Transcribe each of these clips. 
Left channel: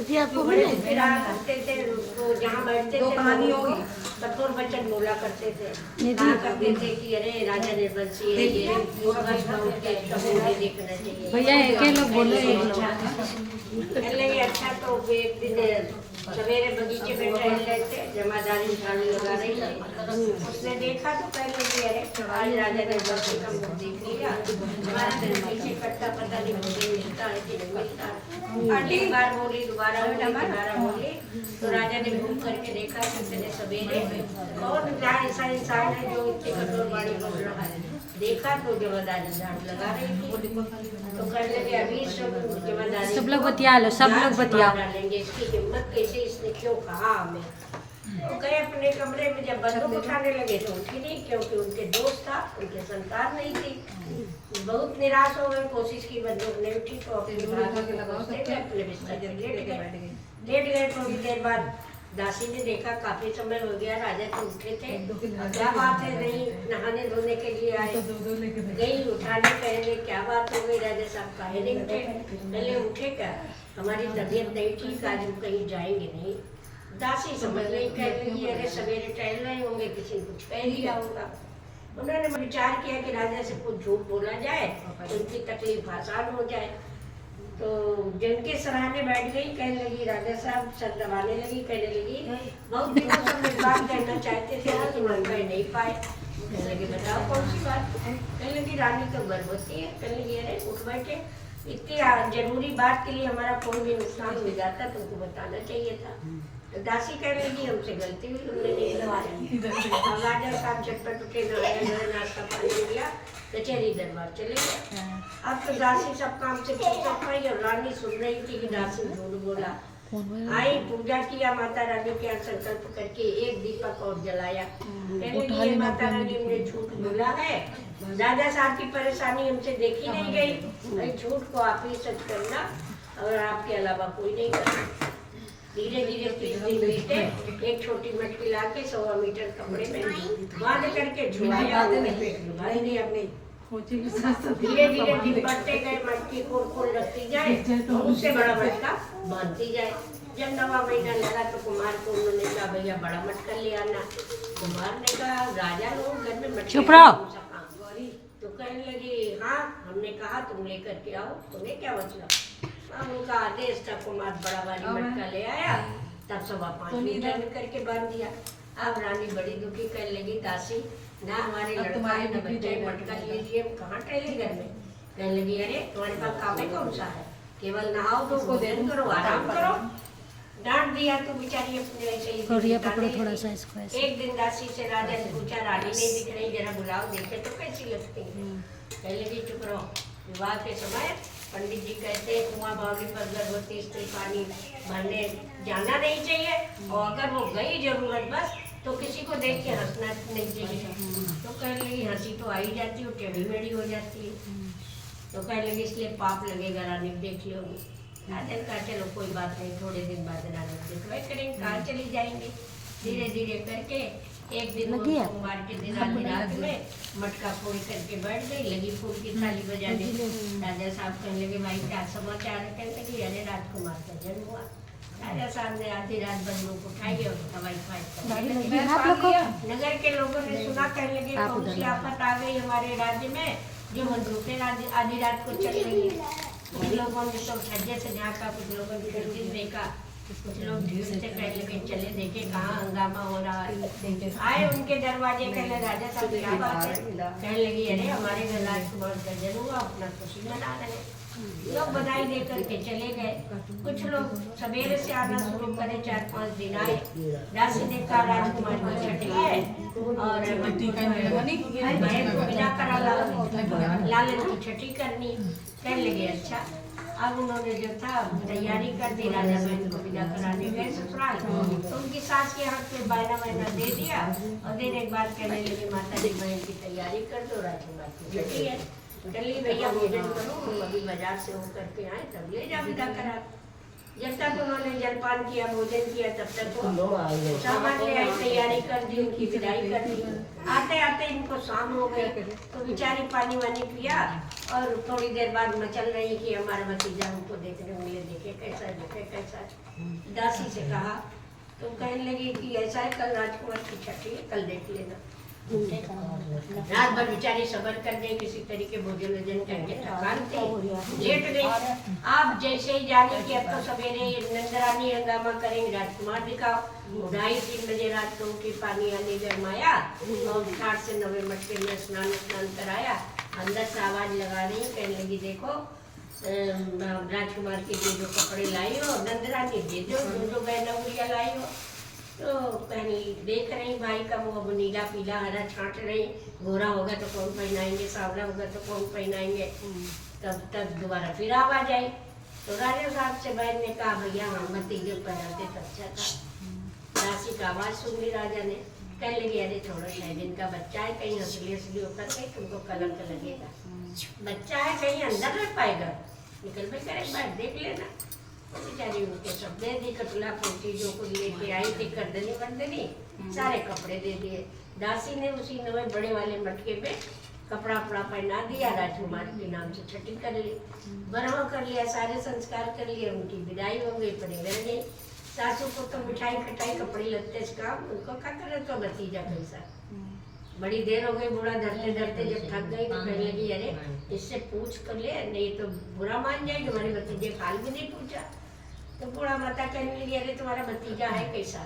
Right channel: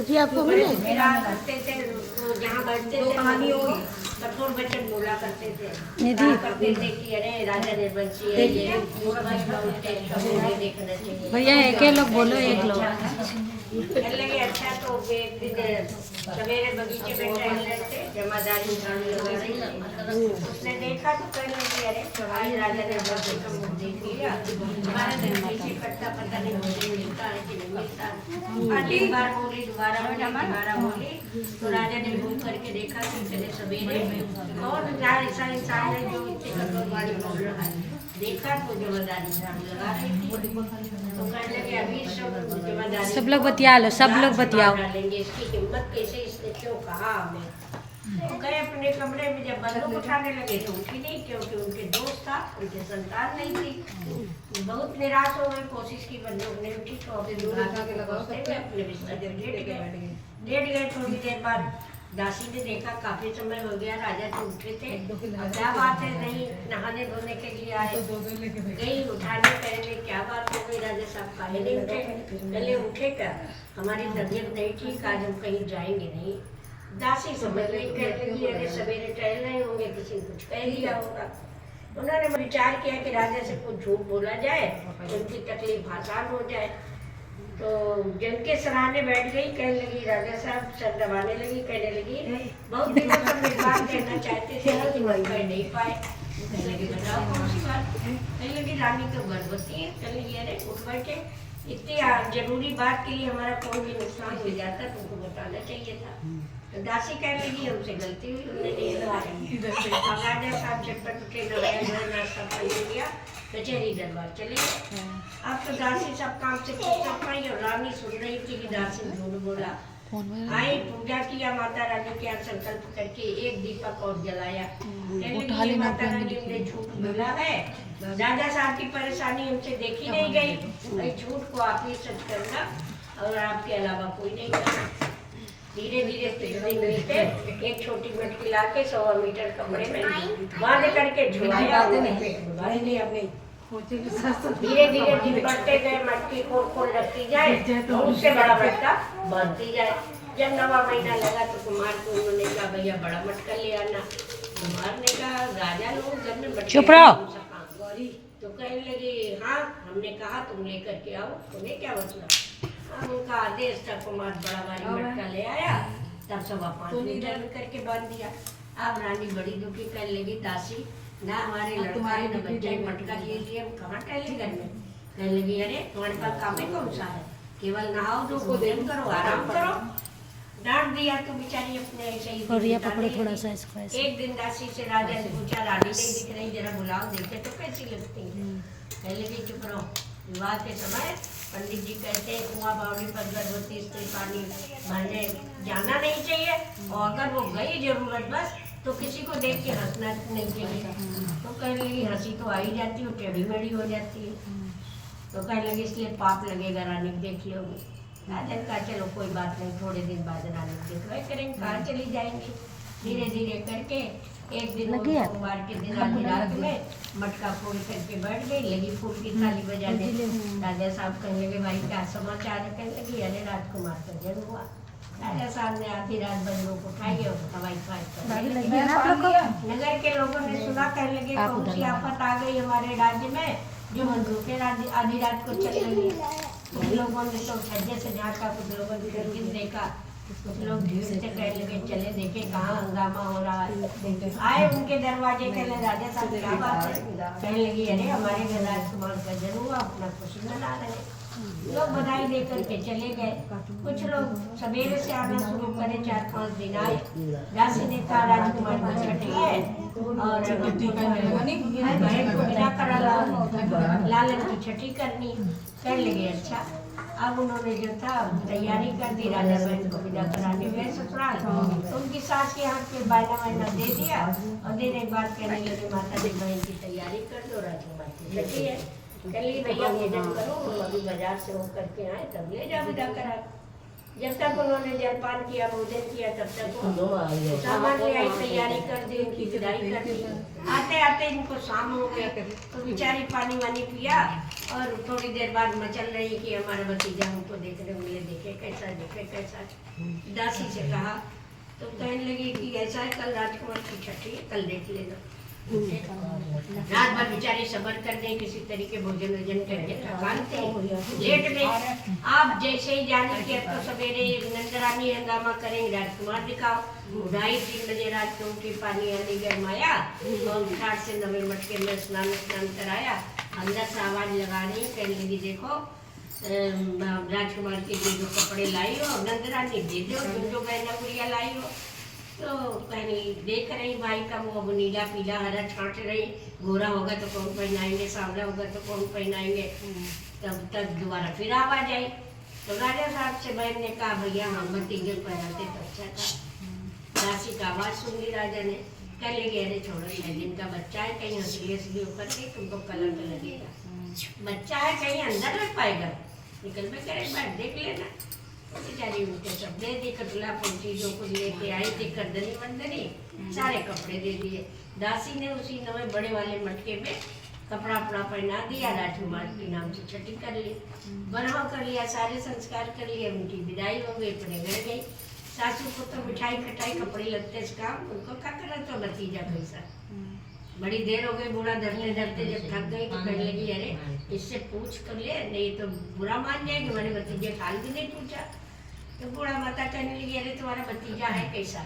जी आपको मिले मेरा करते थे जहाँ बैठते थे कहानी होगी कठोर वचन बोला करते थे कहा करते थे कि अरे राजा ने बंसी है ये देखना चाहिए भैया एक लोग बोलो एक लोग लगे अच्छा तो एक दिन सवेरे बगीचे में टहल रहे थे जमादारी झाड़ू लगा रही थी उसने देखा तो कहने लगी अरे आज राजा ने बंसी का मुंह देख लिया पट्टा पता नहीं मुझे मिलता है कि नहीं मिलता एक बार बोली दोबारा बोली तो राजा ने घूम करके देखा कि सवेरे और ऐसा इंसान है जो इतने कठोर वाणी बोल रहा है देखा तो जमादारी झाड़ू लगा रही थी तो कहने लगे अभी सब लोग बतिया लो सब लोग बतियाओ डालेंगे इसकी हिम्मत कैसे इसने क्यों कहा हमें तो गए अपने कमरे में जब बंदूक उठाने लगे तो उठी नहीं क्योंकि उनके दोस्त था उनके संतान नहीं थी बहुत निराश हो गए कोशिश की बंदूक नहीं उठी तो अपने बिस्तर लेट गए थोड़ी देर बाद दासी ने देखा काफी समय हो गया राजा तो उठे थे क्या बात है नहीं नहाने धोने के लिए आए गई उठाने पहले क्या बात हो गई राजा साहब काहे नहीं उठे पहले उठे क्या हमारी तबीयत नहीं ठीक आज हम कहीं जाएंगे नहीं दासी समझ गई कह लगी अरे सवेरे टहल रहे होंगे किसी ने कुछ कह लिया होगा उन्होंने विचार किया कि राजा से कुछ झूठ बोला जाए उनकी तकलीफ आसान हो जाए तो जिनके सराहने बैठ गई कहने लगी राजा साहब सर दबाने लगी कहने लगी बहुत दिनों से मैं बात कहना चाहते थे लेकिन कह नहीं पाए कहने लगी बताओ कौन सी बात कहने लगी रानी तो गर्भवती है कहने लगी अरे उठ बैठे इतनी जरूरी बात के लिए हमारा कोई भी नुकसान हो जाता तुमको बताना चाहिए था तो दासी कहने लगी हमसे गलती हुई हमने नहीं बताया राजा साहब झटपट उठे नाश्ता पानी लिया कचहरी दरबार चले गए अब तो दासी सब काम से फुर्सत पाई और रानी सुन रही थी कि दासी झूठ बोला आई पूजा किया माता रानी के यहाँ संकल्प करके एक दीपक और जलाया माता रानी ने झूठ बोला है राजा साहब की परेशानी हमसे देखी नहीं गई झूठ को आप ही सच करना और आपके अलावा कोई नहीं करना धीरे धीरे एक छोटी मटकी ला के 100 मीटर कमरे में बांध करके झुलाया धीरे धीरे दिन बढ़ते गए मटकी खोल रखती जाए तो उससे बड़ा मटका बांधती जाए जब 9वां महीना लगा तो कुमार को उन्होंने कहा भैया बड़ा मटका ले आना कुमार ने कहा राजा लोग घर में चुप रहो तो कहने लगी हाँ हमने कहा तुम लेकर के आओ तुम्हें क्या मतलब उनका आदेश था कुमार बड़ा वाली मटका ले आया तब 5.25 मीटर करके बांध दिया अब रानी बड़ी दुखी करने लगी दासी ना हमारे लड़का है ना बच्चा मटका लिए हम कहाँ टहले घर में कहने लगी अरे तुम्हारे पास काम है कौन सा है केवल नहाओ तो भोजन करो आराम करो डांट दिया तो बेचारी अपने ऐसे ही पकड़ो थोड़ा सा इसको एक दिन दासी से राजा ने पूछा रानी नहीं दिख रही जरा बुलाओ देखे तो कैसी लगती है कहने लगी चुप रहो विवाह के समय पंडित जी कहते हैं कुआं बावली पर गर्भवती स्त्री पानी भरने जाना नहीं चाहिए और अगर वो गई जरूरत बस तो किसी को देख के हंसना नहीं चाहिए तो कहने लगी हंसी तो आ ही जाती है टेढ़ी मेढ़ी हो जाती है तो कहने लगी इसलिए पाप लगेगा रानी देख लोगी राजा कहा चलो कोई बात नहीं थोड़े दिन बाद रानी देखवाई करेंगे कहाँ चली जाएंगे धीरे धीरे करके एक दिन कुमार के दिन आधी रात में मटका फोड़ करके बैठ गई लगी फूल की थाली बजाने राजा साहब कहने लगे भाई क्या समाचार है कहने लगी अरे राजकुमार का जन्म हुआ राजा साहब ने आधी रात बंदूक उठाई और हवाई फाइट नगर के लोगों ने सुना कहने लगे कौन सी आफत आ गई हमारे राज्य में जो बंदूकें आधी रात को चल रही है कुछ लोगों ने तो सज्जे से झाँका कुछ लोगों ने दूरबीन देखा कुछ लोग भीड़ से कहने लगे चले देखे कहाँ हंगामा हो रहा है आए उनके दरवाजे कहने राजा साहब क्या बात है कहने लगी अरे हमारे घर राजकुमार का जन्म हुआ अपना खुशी मना रहे लोग बधाई दे करके चले गए कुछ लोग सवेरे से आना शुरू करे 4-5 दिन आए दासी ने कहा राजकुमार को छठी है और बहन को बिना करा लाल की छठी करनी कहने लगे अच्छा अब उन्होंने जो था तैयारी कर दी राजा बहन को विदा कराने गए ससुराल तो उनकी सास के हाथ में वायना दे दिया और देने के बाद कहने लगे माता जी बहन की तैयारी कर दो राजकुमार की छठी है चलिए भैया भोजन करो अभी बाजार से होकर के आए तब ले जाओ विदा करा जब तक उन्होंने जलपान किया, भोजन किया, तब तक वो सामान ले आई, तैयारी कर दी, उनकी विदाई कर दी। आते आते इनको शाम हो गई, तो बेचारी पानी वानी पिया और थोड़ी देर बाद मचल रही कि हमारा भतीजा हमको देखने मिले, देखे कैसा। दासी से कहा तो कहने लगी कि ऐसा है, कल राजकुमार की छठी है, कल देख लेना। रात भर बेचारी सबर कर गई, किसी तरीके भोजन वोजन करके थकान थी, लेट गई। आप जैसे ही जाने की अब तो सवेरे नंदरानी हंगामा करेंगे, राजकुमार दिखाओ। 2:30-3 बजे रात को उठी, पानी आने गरमाया और 8 से 9 मटके में स्नान कराया। अंदर से आवाज लगा रही, कहने लगी देखो राजकुमार के लिए जो कपड़े लाई हो नंदरानी दे दो, जो बहना गुड़िया लाई हो। तो कहीं देख रही भाई का वो अब नीला पीला हरा छांट रही, गोरा होगा तो कौन पहनाएंगे, सांवला होगा तो कौन पहनाएंगे। तब तक दोबारा फिर आवाज आई, तो राजा साहब से बहन ने कहा भैया हम भतीजे पहनाते तो अच्छा था। दासी का आवाज सुन ली राजा ने, कह लगी अरे छोड़ो, 6 दिन का बच्चा है, कहीं हंसली होकर के तुमको कलंक लगेगा। बच्चा है, कहीं अंदर रह पाएगा, निकल में करे बात देख लेना। बेचारी उनके सब दे दी, कटला पंची जो कुछ लेके आई थी, करदनी बंदनी, सारे कपड़े दे दिए। दासी ने उसी नवे बड़े वाले मटके में कपड़ा वपड़ा पहना दिया, राजकुमार के नाम से छठी कर ली, बरहा कर लिया, सारे संस्कार कर लिए, उनकी विदाई हो गई, अपने घर गई। सासू को तो मिठाई खटाई कपड़े लगते से काम, उनको क्या करा तो भतीजा कैसा। बड़ी देर हो गई, बूढ़ा धरते धरते जब थक गई तो कहने लगी अरे इससे पूछ कर ले, नहीं तो बुरा मान जाएगी, हमारे भतीजे खाल भी नहीं पूछा। तो बूढ़ा माता कहने लगी अरे तुम्हारा भतीजा है कैसा।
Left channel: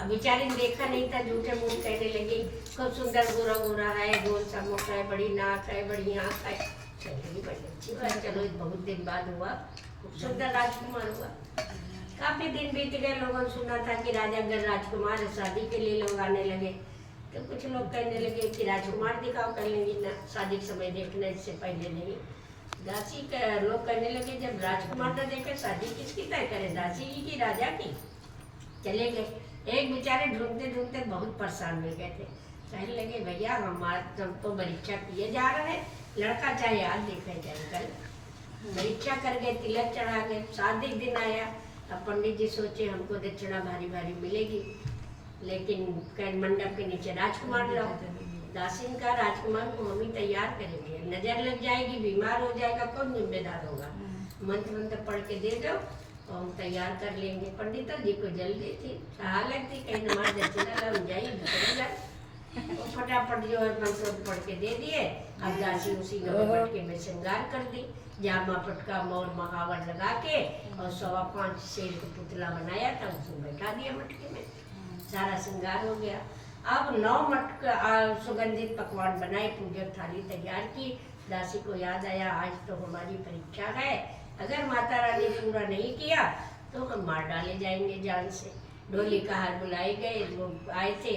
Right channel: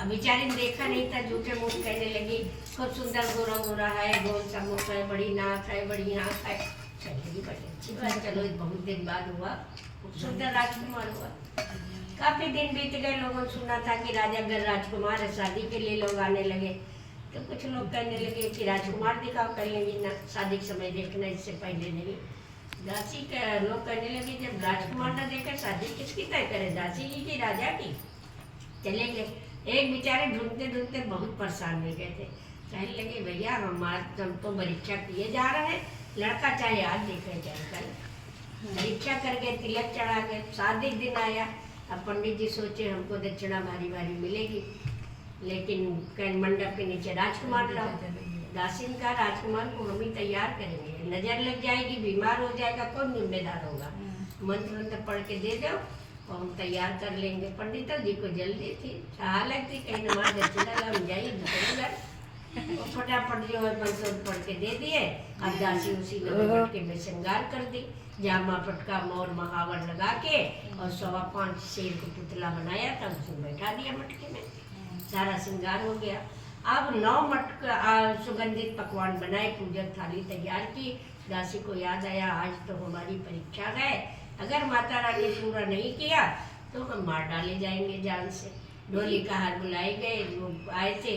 अब बेचारी ने देखा नहीं था, झूठे मुंह कहने लगी खूब सुंदर गोरा गोरा है, गोल सा मुख है, बड़ी नाक है, बड़ी आँख है। चलेगी बड़ी अच्छी बात, चलो बहुत दिन बाद हुआ, खूब सुंदर राजकुमार हुआ। काफी दिन बीत गए, लोगों ने सुना था कि राजा घर राजकुमार है, शादी के लिए लोग आने लगे। तो कुछ लोग कहने लगे कि राजकुमार दिखाओ, कहने लगी ना शादी के समय देखना, इससे पहले नहीं। दासी का लोग कहने लगे जब राजकुमार न देखे शादी किसकी तय करे, दासी जी की राजा की। चले गए, एक बेचारे ढूंढते ढूंढते बहुत परेशान हो गए थे। कहने लगे भैया हम तो परीक्षा किए जा रहे हैं, लड़का चाहे आज देखे चाहे कल। परीक्षा कर गए, तिलक चढ़ा गए, शादी दिन आया। अब पंडित जी सोचे हमको दक्षिणा भारी भारी मिलेगी, लेकिन मंडप के नीचे राजकुमार लाओ। दासी ने कहा राजकुमार को हम ही तैयार करेंगे, नजर लग जाएगी, बीमार हो जाएगा, कौन जिम्मेदार होगा। मंत्र पढ़ के दे दो और हम तैयार कर लेंगे। पंडित जी को जल्दी थी, हालत थी, कहीं नमाज दक्षिणा लग जाएगी। फटाफट जो है मंत्र पढ़ के दे दिए। अब दासी उसी मटके में श्रृंगार कर दी, जामा पटका मोर महावर लगा के और 5.25 शेर का पुतला बनाया था, उसमें बैठा दिया मटके में, सारा श्रृंगार हो गया। अब 9 मटका सुगंधित पकवान बनाए, पूजन थाली तैयार की। दासी को याद आया आज तो हमारी परीक्षा है, अगर माता रानी ने पूरा नहीं किया तो हम मार डाले जाएंगे जान से। डोली का हार बुलाए गए, लोग आए थे,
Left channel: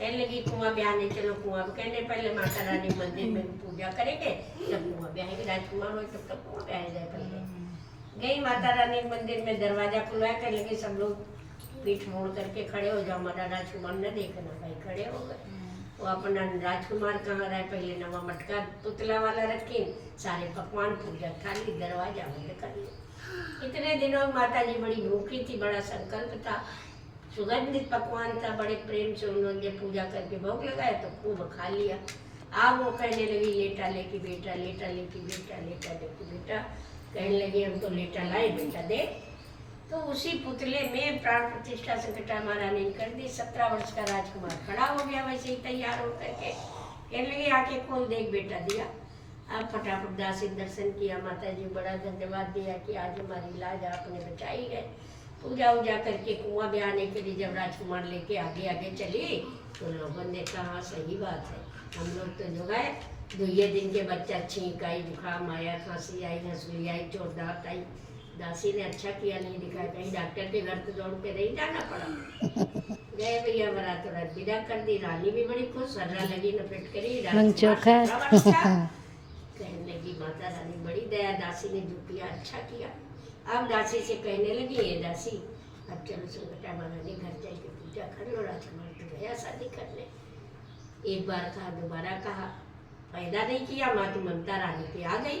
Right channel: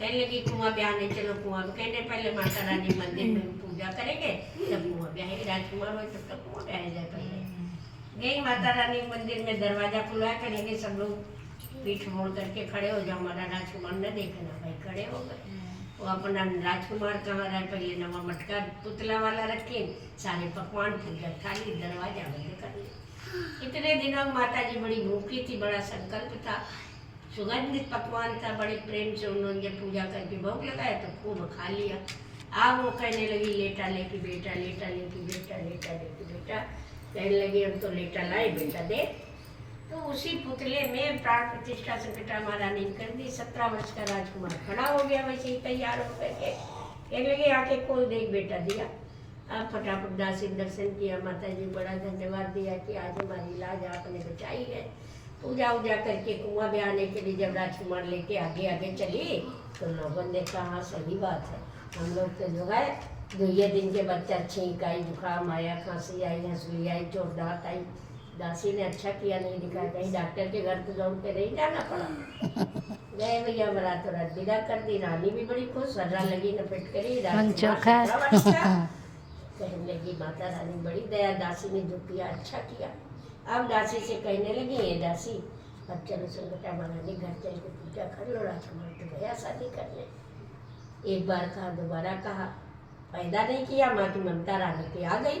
कहने लगी कुआं ब्याहने चलो। कुआं कहने पहले माता रानी मंदिर में पूजा करेंगे तब कुआं ब्याहेंगे, राजकुमार हो तब तक कुआं ब्याहे जाए। पहले गई माता रानी मंदिर में, दरवाजा खुलवाया, कहने लगे सब लोग पीठ मोड़ करके खड़े हो जाओ, हमारा राजकुमार न देखना। भाई खड़े हो गए, वो अपना राजकुमार कहाँ रहे, पहले नवा मटका पुतला वाला रखे, सारे पकवान पूजा थाली, दरवाजा बंद कर लिया। इतने दिनों माता जी बड़ी भूखी थी, बड़ा संकल्प था, सुगंधित पकवान था, बड़े प्रेम से उन्होंने पूजा करके भोग लगाया तो खूब खा लिया। अब वो कहने लगी लेटा लेके बेटा, लेटा लेके बेटा, लेटा लेके बेटा। कहने लगी हम तो लेटा लाए बेटा दे। तो उसी पुतले में प्राण प्रतिष्ठा संकटा महारानी ने कर दी। 17 वर्ष का राजकुमार खड़ा हो गया वैसे ही तैयार होकर के, कहने लगी आके खोल देख बेटा, दिया। अब फटाफट दासी दर्शन किया, माता जी बड़ा धन्यवाद दिया कि आज हमारी लाज आपने बचाई है। पूजा उजा करके कुआं ब्याहने के लिए जब राजकुमार लेके आगे आगे चली तो लोगों ने कहा सही बात है, हम लोग तो जो है 2 दिन के बच्चा छींक आई, जुकाम आया, खांसी आई, हंसुली आई, चोट दांत आई। दासी ने अच्छा किया नहीं दिखाया, कहीं डॉक्टर के घर तो दौड़ के नहीं जाना पड़ा। गए भैया बड़ा तो रात विदा कर दी। रानी भी बड़ी खुश, सर्रा लगी नपेट करी, कहने लगी माता रानी बड़ी दया, दासी ने जो किया अच्छा किया। अब दासी से कहने लगी ये दासी अब चलो संकटा महारानी घर चल के पूजा कर लो, राजकुमार तो गया शादी करने। एक बार कहा, दोबारा कहा, पैदा नहीं किया, माँ की ममता रानी की आ गई।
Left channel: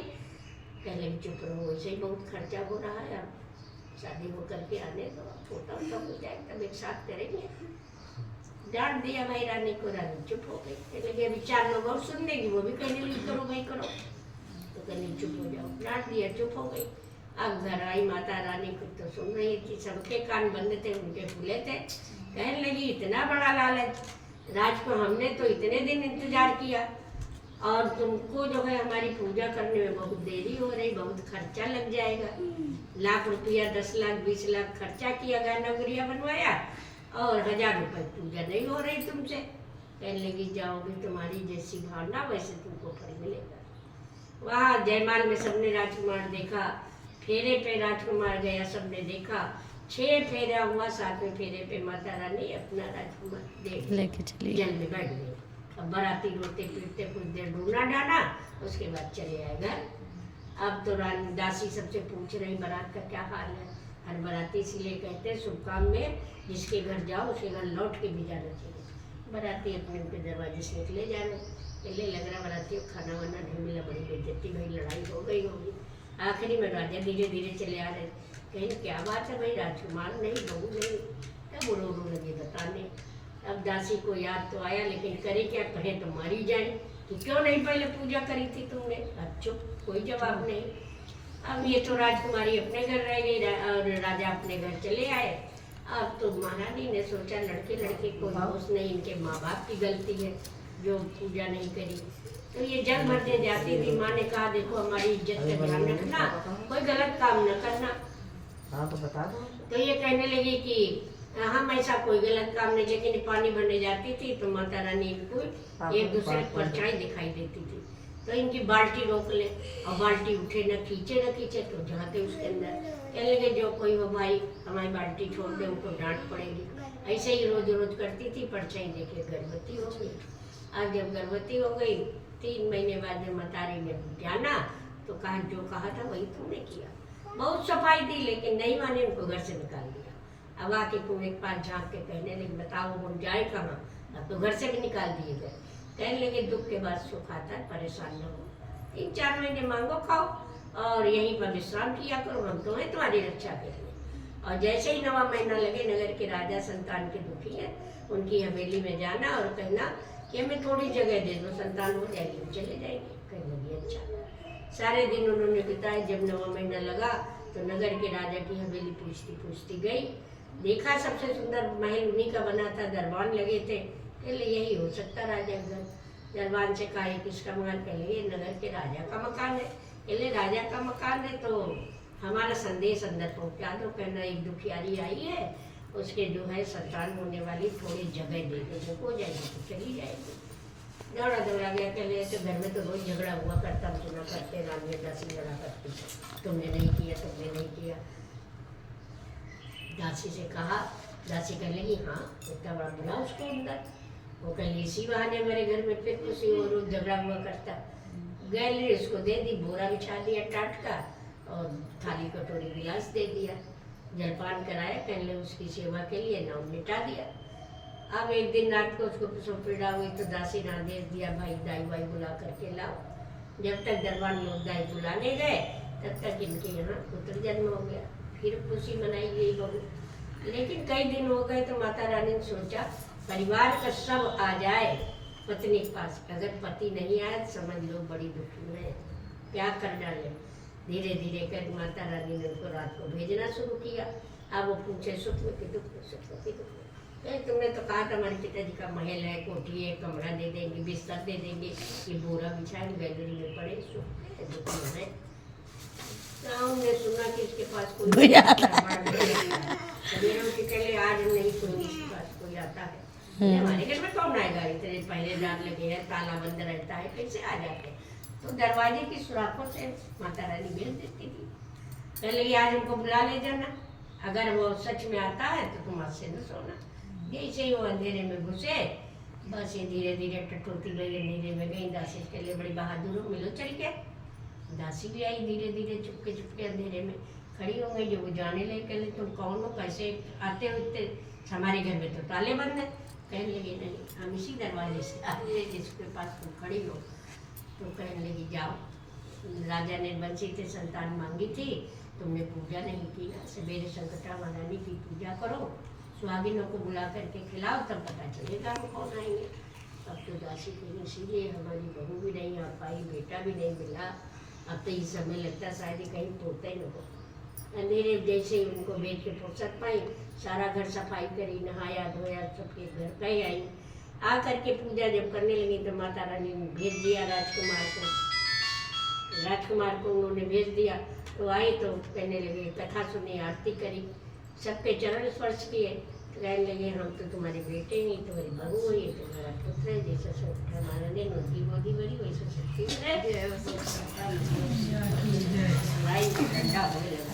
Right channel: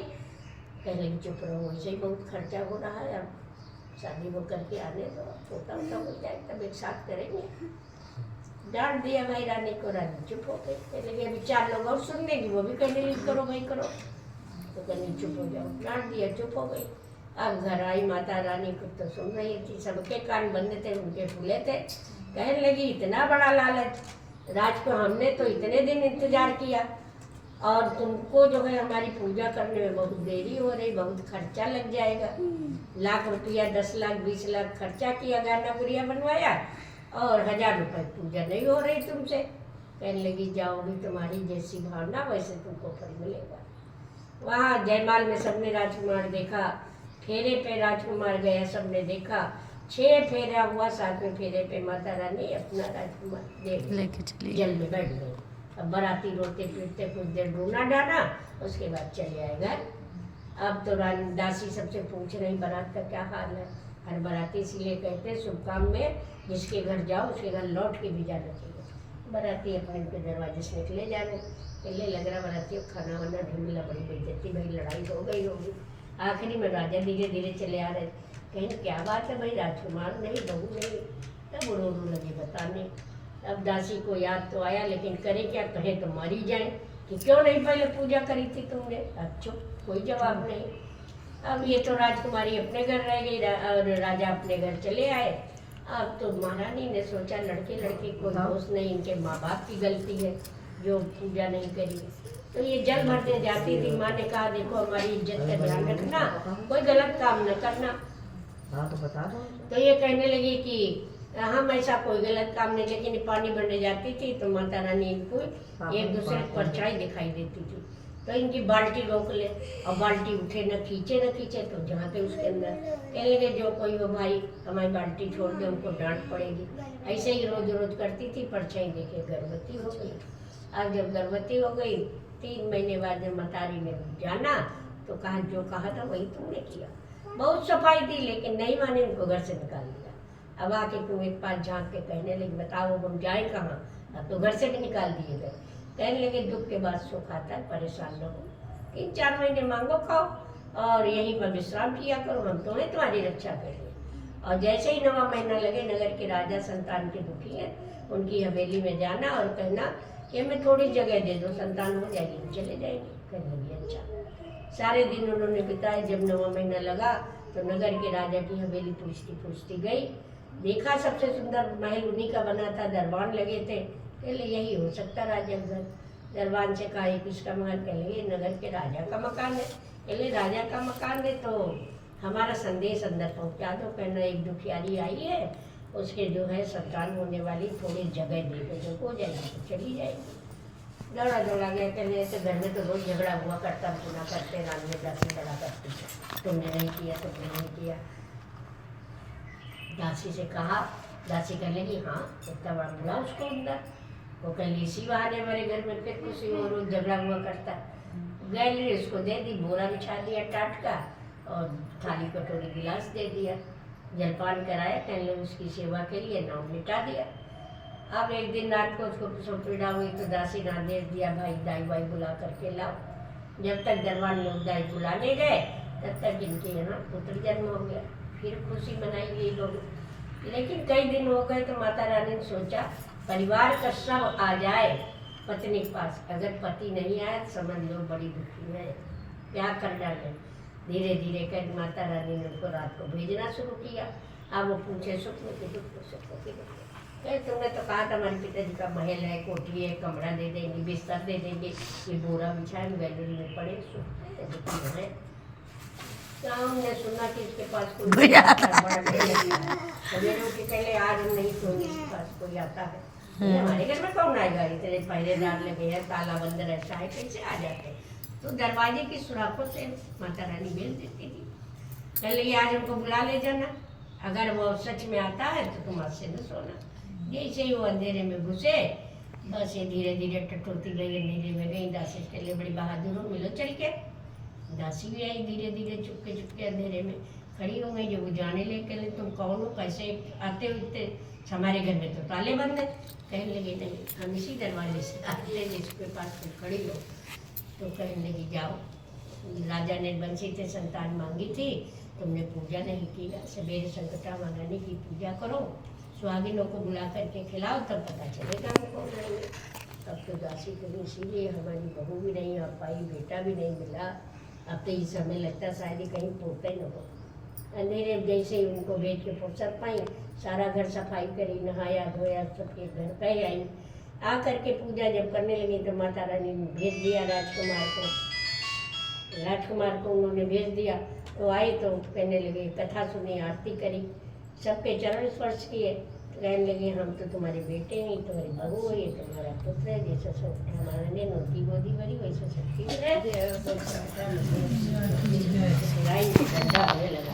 कहने लगी चुप रहो, वैसे ही बहुत खर्चा हो रहा है, अब शादी को करके आने दो, छोटा मोटा हो जाए तब एक साथ करेंगे। डांट दिया भाई रानी को, रानी चुप हो गई। कहने लगी अभी 4 लोग और सुन लेंगी, वो भी कहने लगी करो भाई करो, तो कहनी चुप हो जाओ। डांट दिया, चुप हो गई। अब घर आई माता रानी, कुछ तो सुन रही थी, सबके कान बंद थे, उनके खुले थे। कहने लगी इतना बड़ा लालच, राज को हमने तो इतने दिन इंतजार किया और तुमको जो है हमारी पूजा करने में बहुत देरी हो रही, बहुत खर्चा लग जाएगा। लाख रुपया, 10 लाख, 20 लाख खर्चा किया, गाना गुड़िया बनवाया और 1000 रुपये पूजा नहीं हो रही तुमसे। कहने लगी जाओगी, तुम्हारी जैसी भावना वैसे तुमको फल मिलेगा। वहाँ जयमाल में सबने राजकुमार देखा, फेरे पे राजकुमार गया, सबने देखा। 6 फेरा हुआ, 7वें फेरे पे माता रानी अपना राजकुमार लेके चली जल में बैठ गई। अब बाराती रोते पीटते कुछ देर ढूंढा डाना, उसके बाद चले आए घर। अब तो रानी दासी सबसे पूछ रही बारात का क्या हाल है। हर बाराती इसीलिए कहते हैं शुभ काम में जिसके घर जाओ उसके घर लौट के भी जाना चाहिए। बाराती अपने उनके दरवाजे से निकले जाने, पहले लग रहा बारातियों खाना वाना नहीं मिला, बड़ी बेइज्जती भाई, लड़ाई हो गई होगी। आखिरी में राजा धीरे धीरे चले आ रहे, कहीं क्या बात है भाई, राजकुमार नहीं, बहू नहीं, तब रो लगे बताने। अब दासी को याद तो आया, लेकिन करे क्या, कहे तो मारी जाए कि क्यों नहीं पहले पूजा करी थी तुमने। अच्छा, कोई जवाब नहीं। अब ये तो राजकुमारी अपने घर रह गई और राजा अपने घर चले आए। अब तो महारानी ने सोचा लड़के लड़के को दोष नहीं, इनके माँ बाप की गलती है जो पूजा नहीं करी। तो ये जल भरने जाती थी, माँ ने कहा देखो हमारी इज्जत का ध्यान रखना, कोई गलत काम न करना। हाँ तो बता दो। तो ये कहने लगी कि हम ऐसा कोई गलत काम नहीं, लेकिन पानी भरने जाती थी तो माता रानी को एक दूसरे की परछाई दिखाई देती थी, तो इनकी बाल्टी रोक ले और बाल्टी उठे न खींचे तो जाते उसके अंदर। कहने लगे जो कोई हो भाई हमारी बाल्टी छोड़ दे, उनको डांट पड़ेगी। ऐसे ही रोज रोज करती थी, परछाई देखे गर्भवती हो गई। अब जब गर्भवती हो गई 3 महीने बाद मतारी ने जाना तो कहा जो कहा था वही तुमने किया। बहुत सफाई दी लेकिन नहीं माने, उनको घर से निकाल दिया। अब आके तुम एक पास झाँक के कहने लगे बताओ हम जाए कहाँ, अब तो घर से भी निकाल दिए गए। कहने लगे दुख के बाद सुख आता है, परेशान न हो, 3-4 महीने मांगो खाओ और यहीं पर विश्राम किया करो, हम तो हैं तुम्हारी रक्षा करेंगे। और जैसे ही 9वां महीना लगे, नगर के राजा संतान के दुखी हैं, उनकी हवेली में जाना और कहना कि हमें थोड़ी जगह दे दो, संतान हो जाएगी हम चले जाएंगे। कहने लगी अच्छा। सारे दिन उन्होंने बिताए। जब 9वां महीना लगा तो नगर के राजा की हवेली पूछती गई, देखा सबसे सुंदर महल उन्हीं का बना था, दरबान लगे थे। कहले यही हो सकता राजा घर। दरबान से कहा ये किसका मकान? कहले ये नगर के राजा का मकान है। कहले राजा का मकान है तो हमारा संदेश अंदर पहुंचा दो। कहना एक दुखियारी आई है, उसके जो है संतान होने वाली, थोड़ी जगह दे दो, जो हो जाएगी तो चली जाएगी। दौड़ा गया। कहले तो घर में तो रोज झगड़ा हुआ करता, सुना करते, रानी दासी लड़ा करती, तुमने नहीं किया, तुमने नहीं किया। दासी से कहा, दासी कहने लगी हाँ इतना बड़ा बुला उसको अंदर। वो कहली इसी बहाने हमारे घर में फिर किसी और रोज झगड़ा हुआ करता। गैलरी उसको दे दी, बोरा बिछा दिया टाट का और थाली कटोरी गिलास दे दिया, जलपान कराया। कहने उसकी सेवा के लिए नाम मिटा दिया। अब एक दिन रात को उसको पीड़ा हुई तो दासी ने आदेश दिया भाई दाई वाई बुला करके लाओ। जब तक दरबार लोग दाई बुलाने गए तब तक इनके यहाँ पुत्र जन्म हो गया। फिर खुशी मनाई गई बहू। लेकिन कई दिन हो गए तो माता रानी ने सोचा परिवार का सब आ जाए पत्नी के पास, अगर पति नहीं आया तो समझ लो बड़ी दुखी है, क्या कर डाले। धीरे धीरे कर माता रानी ने उनको रात को भेजना शुरू किया। अब वो पूछे सुख में कि दुख, सुख में कि दुख। तुमने तो कहा था हमारे पिताजी का महल है, कोठी है, कमरा दे देंगे, बिस्तर दे देंगे, ये बोरा बिछाए गैलरी में पड़े, सुख दुखी है। ने सुना कि इसके पास कोई सवेरे उठ के कहले आज नहीं कोई इसके पास कोई आता है, हमारे घर में कौन आएगा, इतने पहरेदार लगे हैं, ताला बंद रहता है, कैसे आ जाते। तो दरवाजे की सुराखों से माता रानी भेज देती थी। पहले आज उनको बुला ले जाना, अगर वो सच में आता है तो तुम से न सोना। जैसे ही वो अंधेरे में घुसे बस ये धीरे धीरे टटोलती गई, अंधेरे में गई। दासी कहले बड़ी बहादुर हो, मिलो चल के। दासी भी आई, धीरे धीरे चुपके अंधेरे में खड़ी हो गई। जब वो जाने लगे कहले तुम कौन हो, कैसे आते हो इतने, हमारे घर में तो ताले बंद है। कहने लगे नहीं हम इसी दरवाजे से आते हैं जिसके पास तुम खड़ी हो। तो कहने लगी जाओ, राजा ने बंसी से संतान मांगी थी, तुमने पूजा नहीं किया, सवेरे संकटा महारानी की पूजा करो, सुहागिनों को बुला करके खिलाओ, तब पता चलेगा हम कौन आएंगे। अब तो दासी करी, इसीलिए हमारी बहू भी नहीं आ पाई, बेटा भी नहीं मिला। अब तो इस समय लगता शायद ही कहीं पोते न हो। अंधेरे जैसे ही उनको भेज के फुर्सत पाई, सारा घर सफाई करी, नहाया धोया, सबके घर पे आई। आ करके पूजा जब करने लगी तो माता रानी ने भेज दिया राजकुमार को उन्होंने भेज दिया। तो आए तो कहने लगे, कथा सुनी, आरती करी, सबके चरण स्पर्श किए, कहने लगे हम तो तुम्हारे बेटे नहीं, तुम्हारी बहू है, ये तुम्हारा पुत्र है। जैसा संकटा महारानी ने उनकी गोदी भरी वैसे शक्ति होने लगा।